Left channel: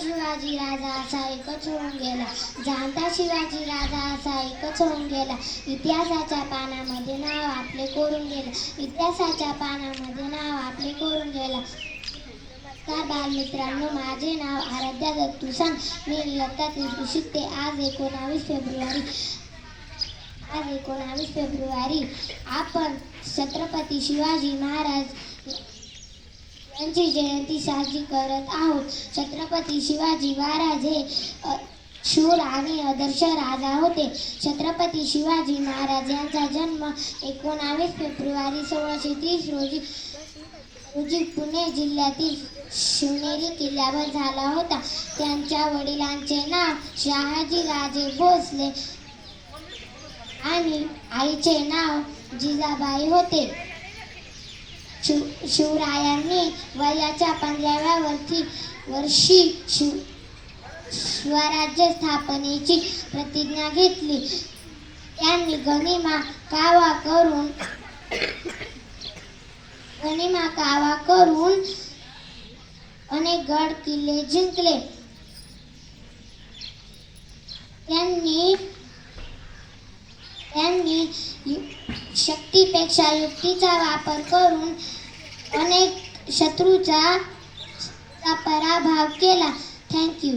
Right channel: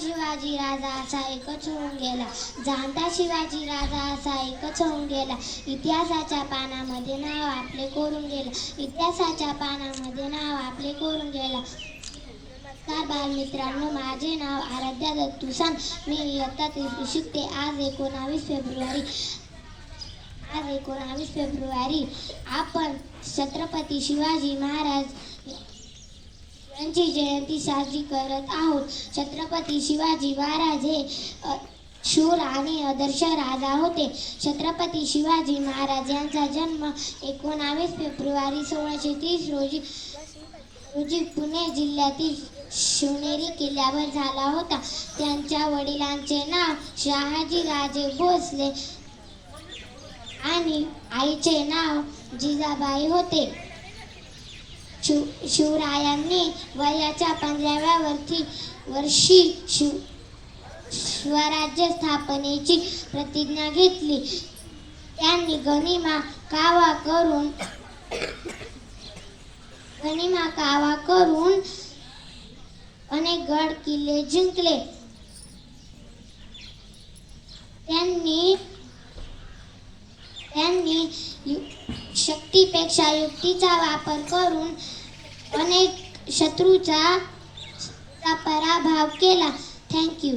शिवाजी राजा असा एकच होऊन गेला. जाणता शिवाजी राजा असा एकच होऊन गेला. इतिहासाच्या पानामध्ये नाव आपले कोरून गेलं. इतिहासाच्या पानामध्ये नाव आपले कोरून गेलं. नमस्कार बालमित्रांनो, माझे नाव आराध्या दत्तू सांग. मी इयत्ता तिसरी शिकते. आज 19 फेब्रुवारी आपण छत्रपती शिवाजी महाराज यांची जयंती साजरी करत आहोत. छत्रपती शिवाजी महाराज हे शूर आणि आदर्श राजा होते. छत्रपती शिवाजी महाराज यांचा जन्म 19 फेब्रुवारी 1630 रोजी पुणे जिल्ह्यातील शिवनेरी किल्ल्यावर झाला होता. त्यांच्या वडिलांचे नाव शहाजी राजे भोसले आणि आईचे नाव जिजाबाई होते. शिवरायांनी वयाच्या 15व्या वर्षी स्वराज्य स्थापनेची प्रतिज्ञा घेतली. त्यांनी गनिमा कावा करून अनेक गड किल्ले जिंकले. त्यांनी शक्तीपेक्षा युक्तीचा वापर करून अनेक शत्रूचा पराभव केला. Thank you.